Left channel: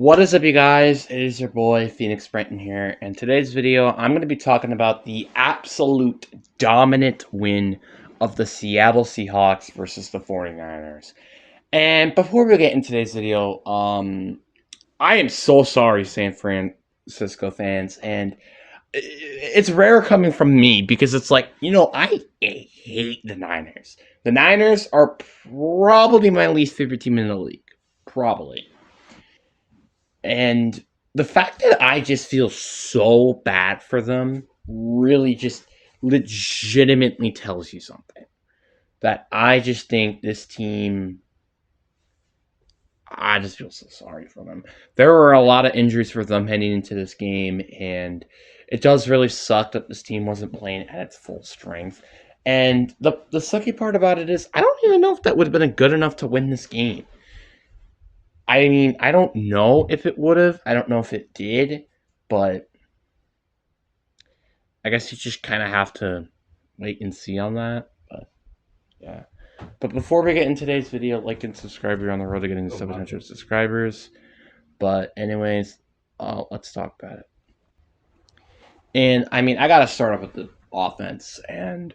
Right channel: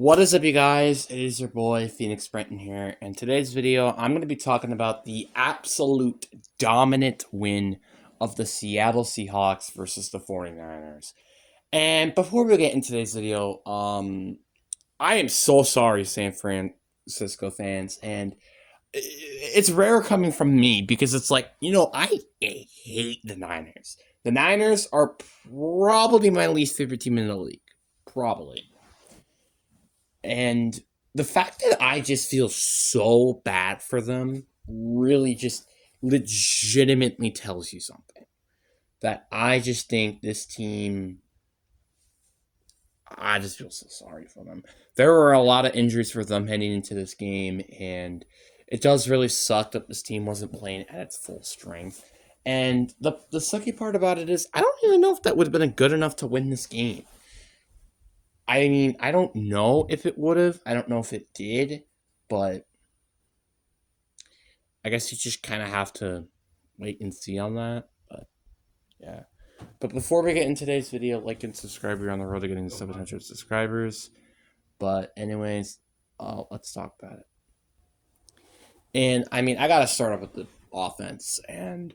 What is up, you guys? It is your boy, Phoenix Brenton here, and today's video, I'm going to be talking about the absolute dominant win of the Seattle Seahawks versus the 49ers. And before we get into today's video, I am so sorry, San Francisco fans, and it's rare coming from me because it's like, I hate the Niners. The Niners are probably my least favorite team in the league. Probably. And the fact that I just feel so bad for them really just legitimately tells you something. That I just think this team, I just feel so sorry for them. There were a lot of injuries for them heading into this game, and it does really suck that this team wasn't playing at its full strength. And the sucky part about it is, I don't even know if that would have been good enough to win this game. I mean, I don't know if it would have. I don't know if it did, but I guess you just kind of have to wait and see on that. But yeah. But before we get into today's video, like and subscribe. We're on the road to getting to 700 subscribers. But anyways, let's talk about it. And I mean, I gotta start off with the offense, and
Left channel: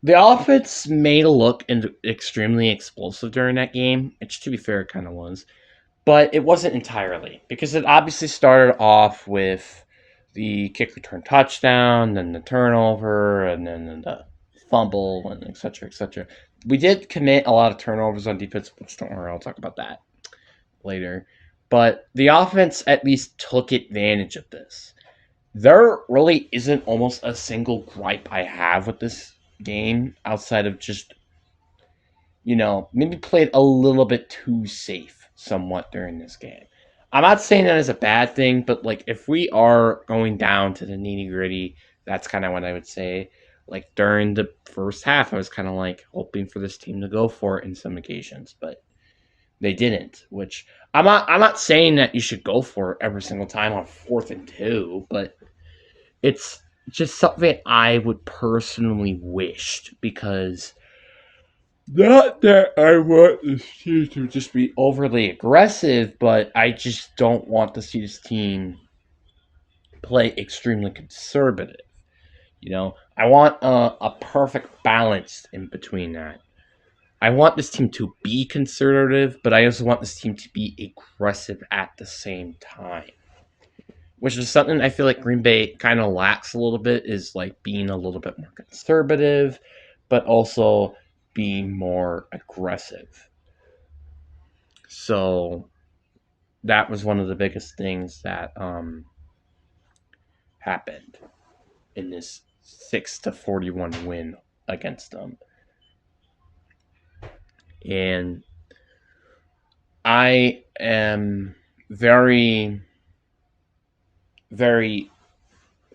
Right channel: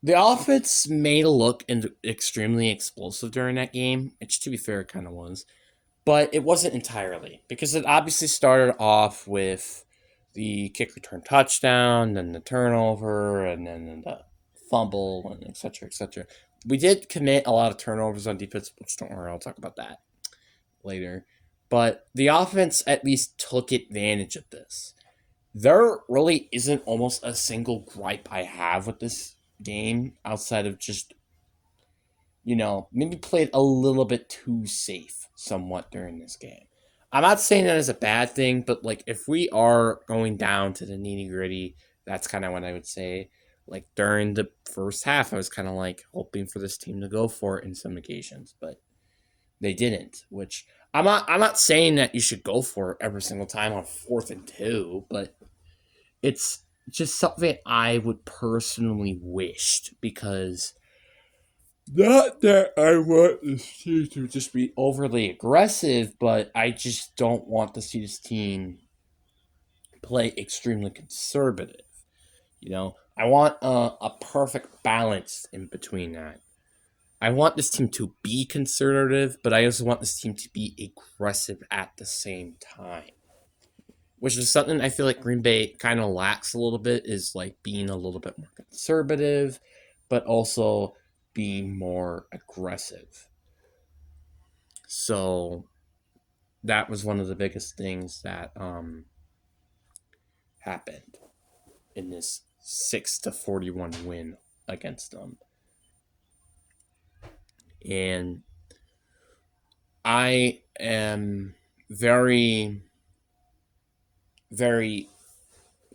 the offense made it look extremely explosive during that game, which, to be fair, it kind of was. But it wasn't entirely, because it obviously started off with the kick return touchdown, then the turnover, and then the fumble, and et cetera, et cetera. We did commit a lot of turnovers on defense, but don't worry, I'll talk about that later. But the offense at least took advantage of this. There really isn't almost a single gripe I have with this game outside of just, maybe played a little bit too safe somewhat during this game. I'm not saying that is a bad thing, but like if we are going down to the nitty gritty, that's kind of what I would say. Like during the first half, I was kind of like hoping for this team to go for it in some occasions, but they didn't. Which I'm not saying that you should go for it every single time on 4th and 2, but it's just something I would personally wished, because not that I want this team to just be overly aggressive, but I just don't want to see this team play extremely conservative. I want a perfect balance in between that. I want this team to be conservative, but I also want this team to be aggressive at the same time. Which is something I feel like Green Bay kind of lacks a little bit, is like being a little bit more conservative, but also being more aggressive. So that was one of the biggest things that happened in this 6-41 win against them. And I am very, very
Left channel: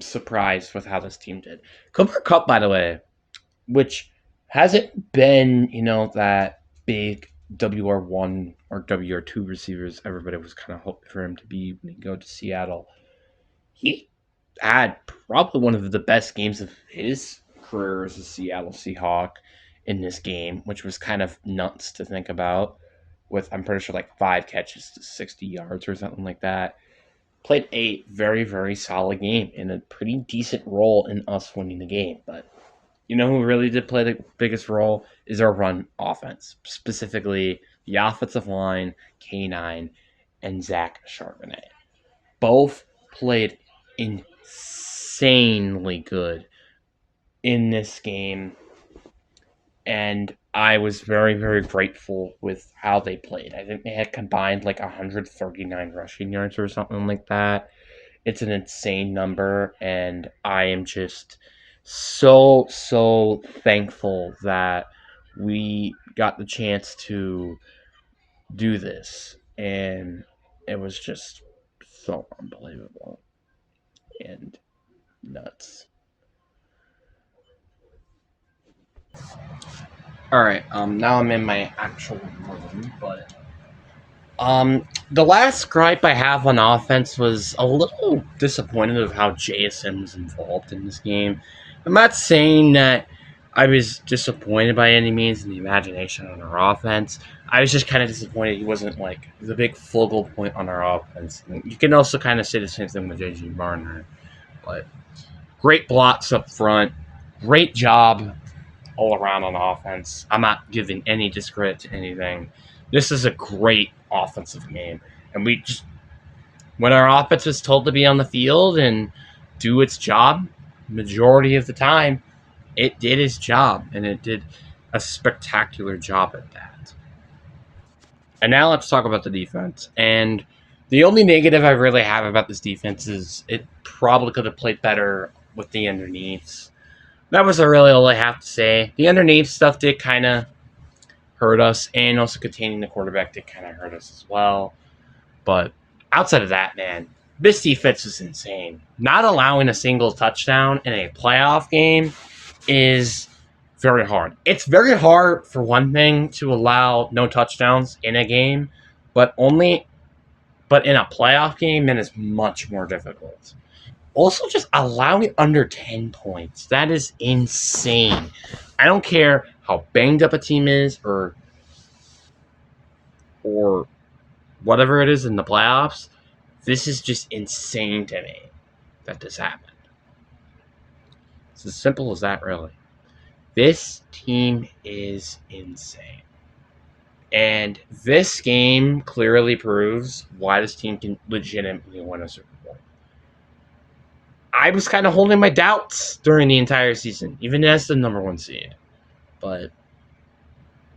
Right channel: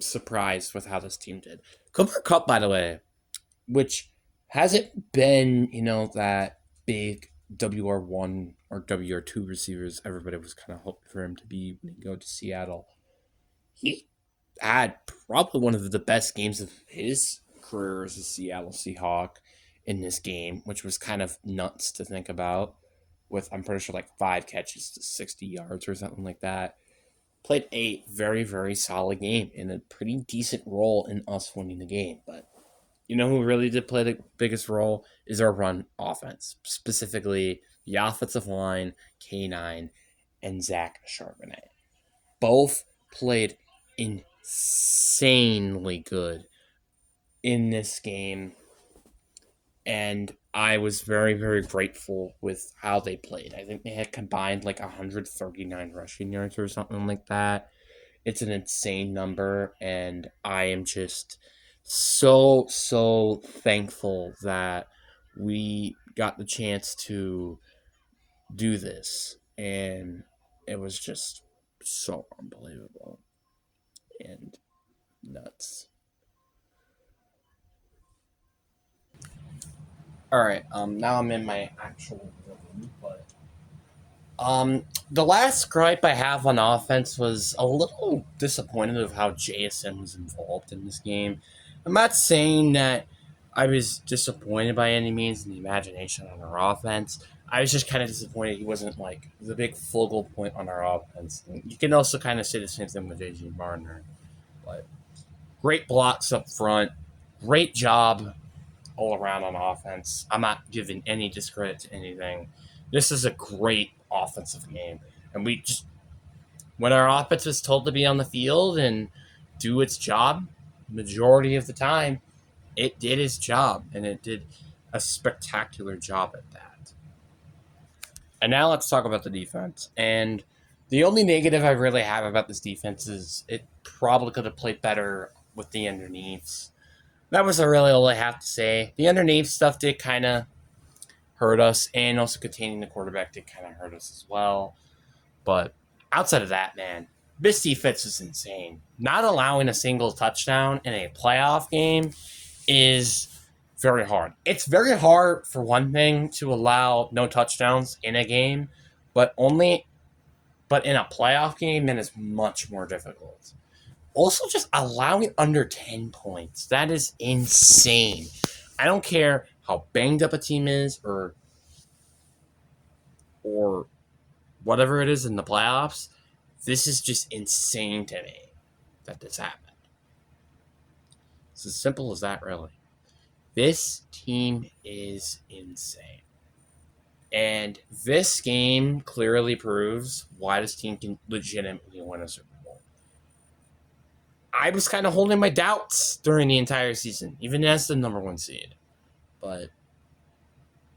surprised with how this team did. Cooper Kupp, by the way, which hasn't been, that big WR1 or WR2 receivers everybody was kind of hoping for him to be when he go to Seattle. He had probably one of the best games of his career as a Seattle Seahawk in this game, which was kind of nuts to think about, with, I'm pretty sure, like 5 catches to 60 yards or something like that. Played a very, very solid game and a pretty decent role in us winning the game. But you know who really did play the biggest role is our run offense, specifically the offensive line, K9, and Zach Charbonnet. Both played insanely good in this game, and I was very, very grateful with how they played. I think they had combined like 139 rushing yards or something like that. It's an insane number, and I am just so, so thankful that we got the chance to do this. And it was just so unbelievable and nuts. All right, now I'm in my actual room, but the last gripe I have on offense was a little disappointed of how JSN was involved in this game. I'm not saying that I was disappointed by any means in the imagination on our offense. I was just kind of disappointed he wasn't like the big focal point on our offense. And you can also kind of say the same thing with JG Barner. But great blocks up front, great job all around on offense. I'm not giving any discredit to anything. This is a great offensive game, and we just when our offense was told to be on the field and do its job, majority of the time, it did its job, and it did a spectacular job at that. And now let's talk about the defense. And the only negative I really have about this defense is it probably could have played better with the underneaths. That was really all I have to say. The underneath stuff did kind of hurt us, and also containing the quarterback did kind of hurt us as well. But outside of that, man, this defense is insane. Not allowing a single touchdown in a playoff game is very hard. It's very hard, for one thing, to allow no touchdowns in a game, but in a playoff game, then it's much more difficult. Also, just allowing under 10 points. That is insane. I don't care how banged up a team is or whatever it is in the playoffs. This is just insane to me that this happened. It's as simple as that, really. This team is insane. And this game clearly proves why this team can legitimately win a Super Bowl. I was kind of holding my doubts during the entire season, even as the number one seed. But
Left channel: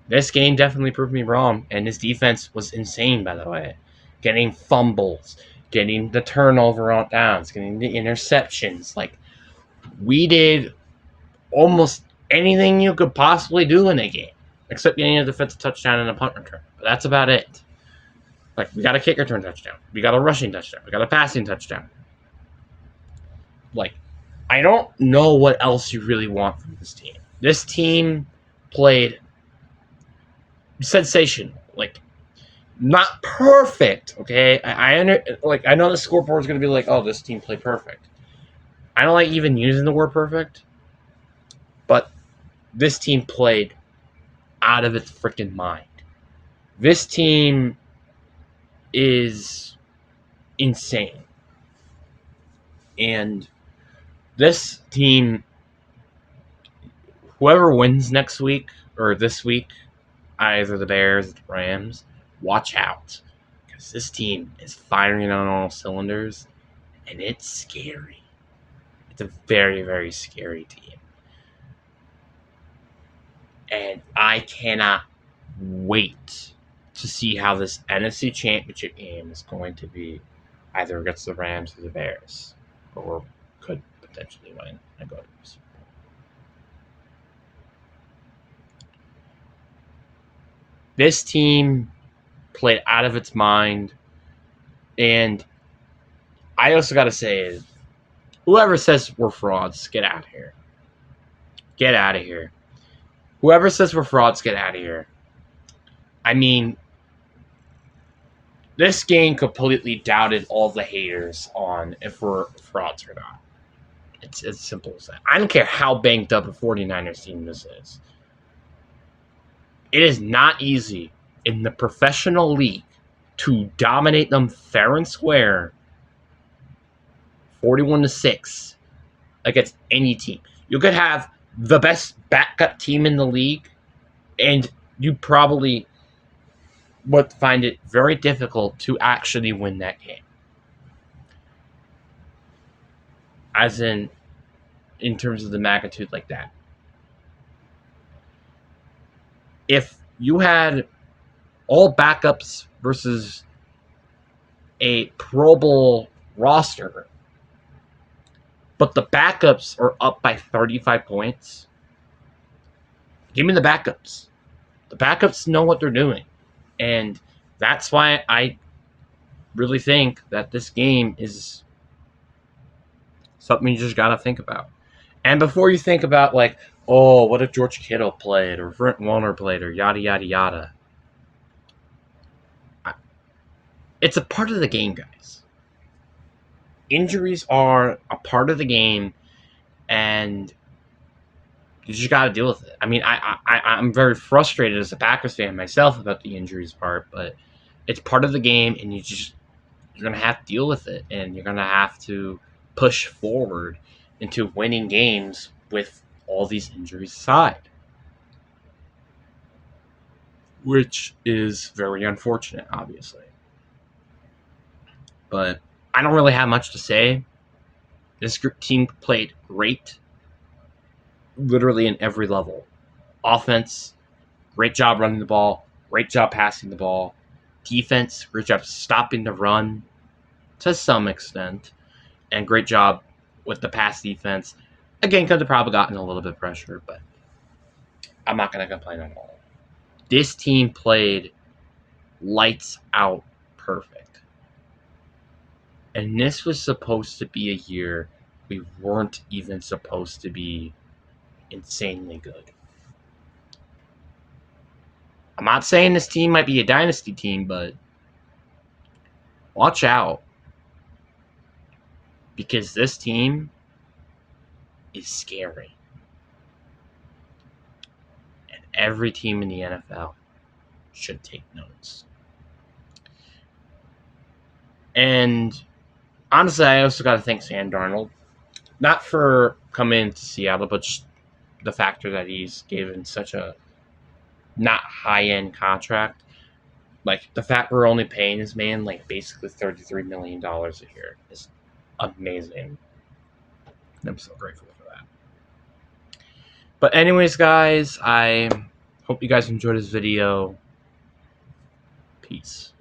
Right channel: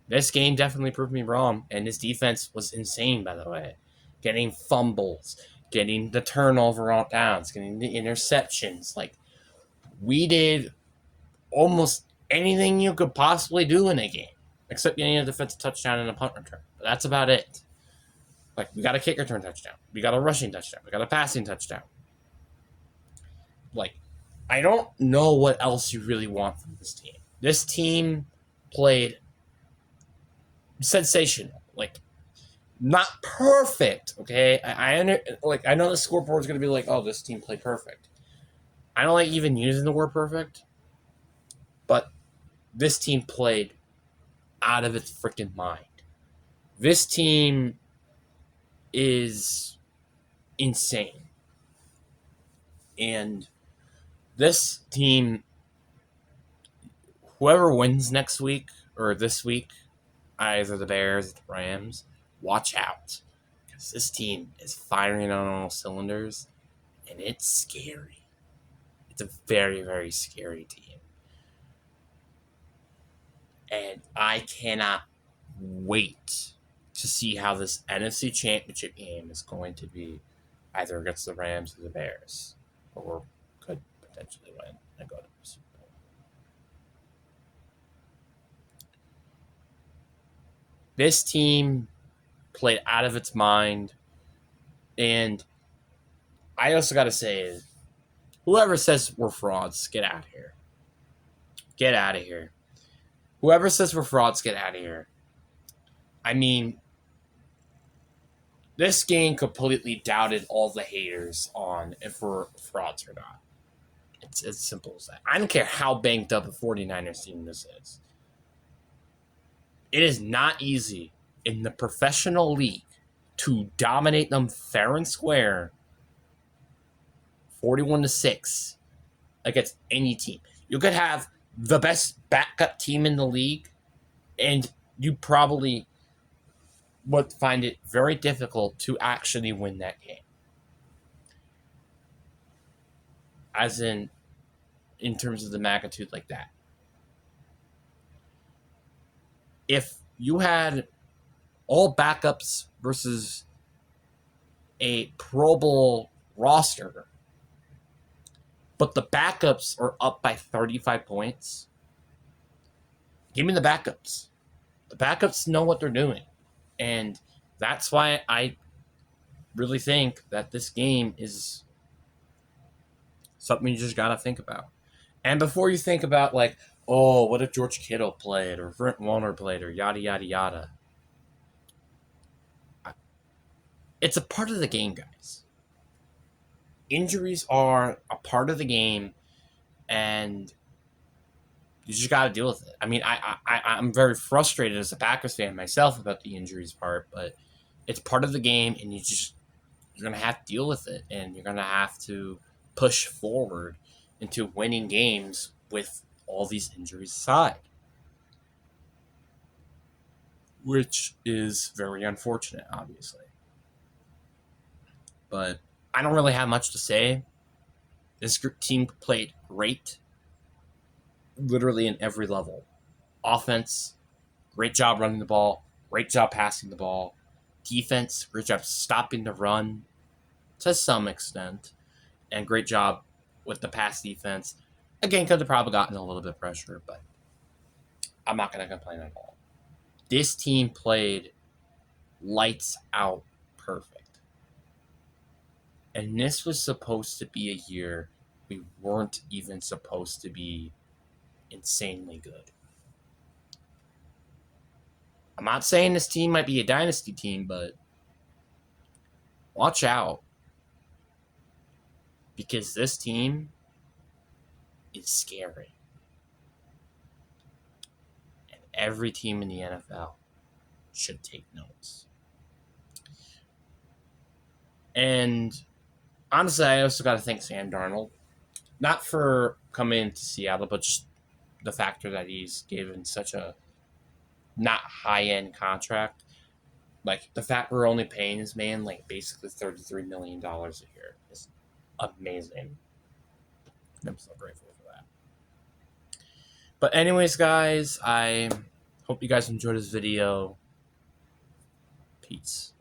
this game definitely proved me wrong, and this defense was insane, by the way. Getting fumbles, getting the turnover on downs, getting the interceptions. Like, we did almost anything you could possibly do in a game, except getting a defensive touchdown and a punt return. But that's about it. Like, we got a kick return touchdown. We got a rushing touchdown. We got a passing touchdown. Like, I don't know what else you really want from this team. This team played sensational. Like, not perfect, okay? I know the scoreboard is going to be like, oh, this team played perfect. I don't like even using the word perfect, but this team played out of its freaking mind. This team is insane. And this team, whoever wins next week or this week, either the Bears or the Rams, watch out. Because this team is firing on all cylinders, and it's scary. It's a very, very scary team. And I cannot wait to see how this NFC Championship game is going to be, either against the Rams or the Bears, or could potentially win and go to the Super Bowl. This team played out of its mind, and I also got to say, whoever says we're frauds, get out of here. Get out of here. Whoever says we're frauds, get out of here. I mean, this game completely doubted all the haters on if we're frauds or not. It's as simple as that. I don't care how banged up a 49ers team this is. It is not easy in the professional league to dominate them fair and square 41-6 against any team. You could have the best backup team in the league, and you probably would find it very difficult to actually win that game. As in terms of the magnitude like that. If you had all backups versus a Pro Bowl roster, but the backups are up by 35 points, give me the backups. The backups know what they're doing. And that's why I really think that this game is something you just got to think about. And before you think about, like, oh, what if George Kittle played or Brent Warner played or yada, yada, yada. It's a part of the game, guys. Injuries are a part of the game, and You just got to deal with it. I mean, I'm very frustrated as a Packers fan myself about the injuries part, but it's part of the game, and you're gonna have to deal with it, and you're gonna have to push forward into winning games with all these injuries aside, which is very unfortunate, obviously. But I don't really have much to say. This team played great, literally in every level. Offense, great job running the ball, great job passing the ball. Defense, great job stopping the run to some extent, and great job with the pass defense. Again, could have probably gotten a little bit of pressure, but I'm not going to complain at all. This team played lights out perfect. And this was supposed to be a year we weren't even supposed to be insanely good. I'm not saying this team might be a dynasty team, but watch out. Because this team is scary. And every team in the NFL should take notes. And honestly, I also got to thank Sam Darnold. Not for coming to Seattle, but just the factor that he's given such a not high-end contract. Like, the fact we're only paying this man, like, basically $33 million a year is amazing. I'm so grateful for that. But anyways, guys, I hope you guys enjoyed this video. Peace.